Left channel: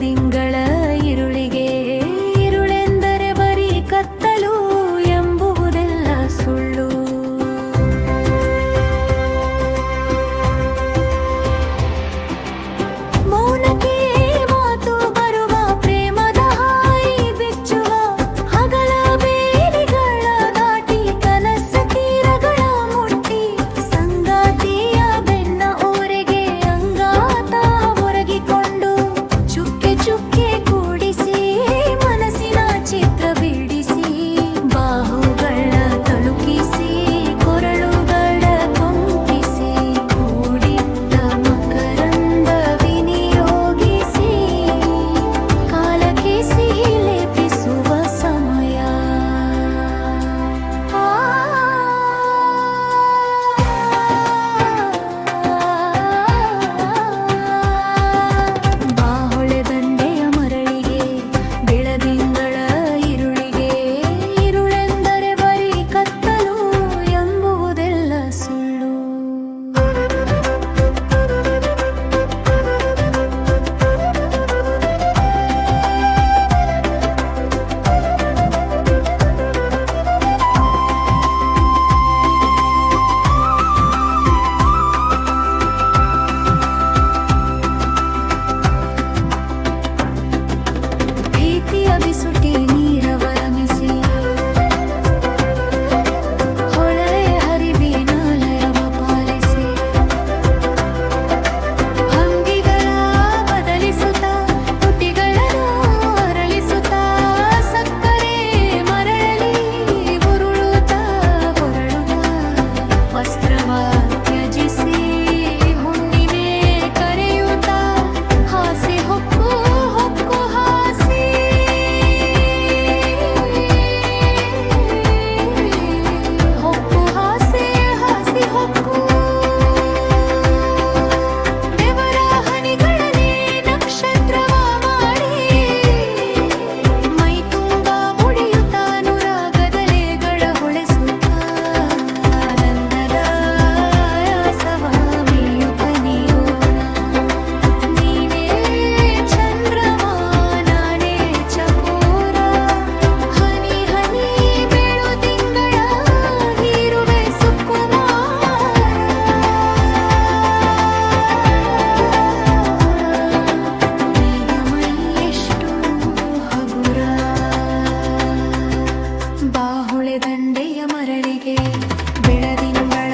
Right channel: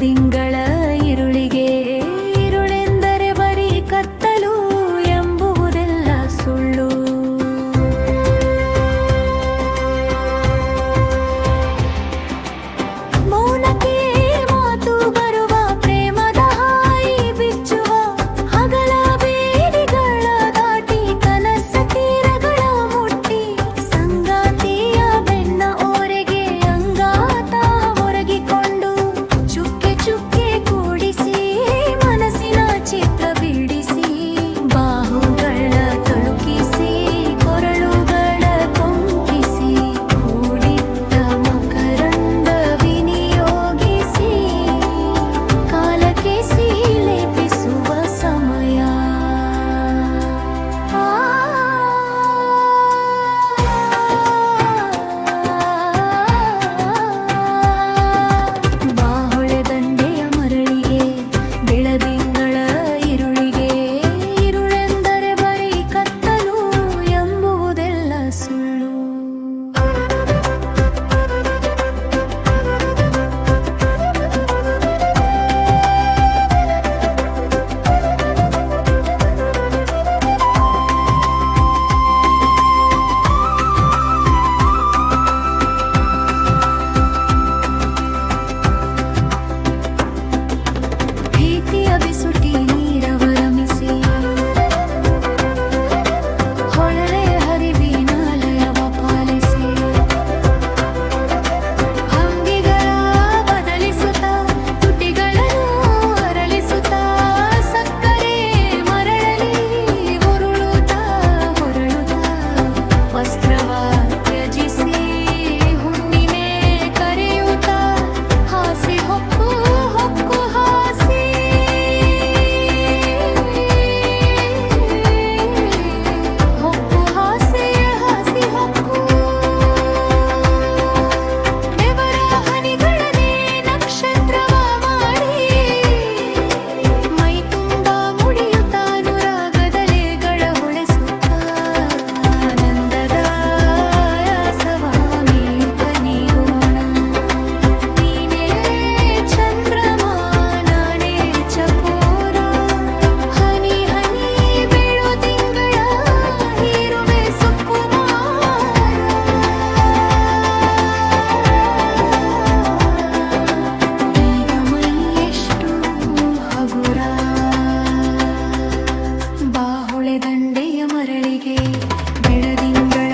ಬೆಳದಿಂಗಳ ಇರುಳಿಗೆ ಇರುಳೆಂದರೆ ಬರೀ ಕತ್ತಲು ಎಂಬುವುದೆಲ್ಲ ಸುಳ್ಳು. ಮೌನಕ್ಕೆ ಮಾತು ಬರುವ ಪ್ರೇಮದ ಹಾಯಿ ಬಿಚ್ಚುವ ಹಗಲ ಬೇಲಿಗಳ ದಾಟಿ ಕನಸ ತೀರಗಳ ಮುಟ್ಟಿ ಸಂಗಾತಿಯ ಬೆನ್ನ ಓರೆಗೆ ಅಂಗಾತ ಒರಗಿಕೊಂಡು ಚುಕ್ಕೆ ಚುಕ್ಕೆ ಕೂಡಿಸಿ ಮನಸ್ಸಿನ ಚಿತ್ರ ಬಿಡಿಸಿ ಬಾಹುಗಳ ತಳುಕಿಸಿ ಕೊರಳುಗಳ ಕೊಂಕಿಸಿ ಕೂಡಿಟ್ಟ ಮಕರಂದ ವಿನಿಯೋಗಿಸಿ ಕಾಲಕ್ಕೆ ಲೇಪಿಸುವ ಸಮಯ. ಬಾಹೊಳೆ ದಂಡೆಯ ಮರಳಿಗೆ ಬೆಳದಿಂಗಳ ಇರುಳಿಗೆ ಇರುಳೆಂದರೆ ಬರೀ ಕತ್ತಲು ಎಂಬುವುದೆಲ್ಲ ಸುಳ್ಳು. ಭೀತಿಯ ಬಿಸುಟಿ ನೀರವರಮಿಸಿ ಹೊಳೆಯ ಹರಿವಿನ ಲಯವ ಪಾಲಿಸಿ ಭಂಗಿಗಳ ಬದಲಿಸುತ್ತ ತುಟಿಗಳನ್ನು ಅರಳಿಸುತ್ತ ಸಕ್ಕರೆ ಮರಳಲಿ ಉರುಳುತ್ತ ಹೊರಳುತ್ತ ವಸ್ತ್ರವ ತ್ಯಜಿಸಿ ಹುಣ್ಣಿಮೆ ಕರೆಯುತ್ತ ಹಾಸಿ ಹೊಕ್ಕು ಹೊಕ್ಕು ಹಾಸಿ ಹೊಕ್ಕು ಹಾಸಿ ಹಾಸಿ ಹೊಕ್ಕು ಬೆವರ ಹನಿಗಳನ್ನೇ ನಕ್ಷತ್ರವ ಮಾಡಿ ಮೈ ತುಂಬ ಮುಡಿಯುತ್ತ ಅನುರಾಗದಲೆಗಳ ಹೊಳೆಸುತ್ತ ಆನಂದದ ಆಯಾಸವ ಮೀಯುತ್ತ ನೀಗೋಣ. ನೀನೇ ಚಂದ್ರಮ ನಾನೇ ಚಕೋರ ಹನಿ ಹನಿ ಬೆಳು ತಿಂಗಳ ಹೀರುವೆ ಸುಕುಮಾರ. ಈಗ ಮೈ ಎಷ್ಟು ಹಗುರ ಬಾಹೊಳೆ ದಂಡೆಯ ಮರಳಿಗೆ ಬೆಳದಿಂಗಳ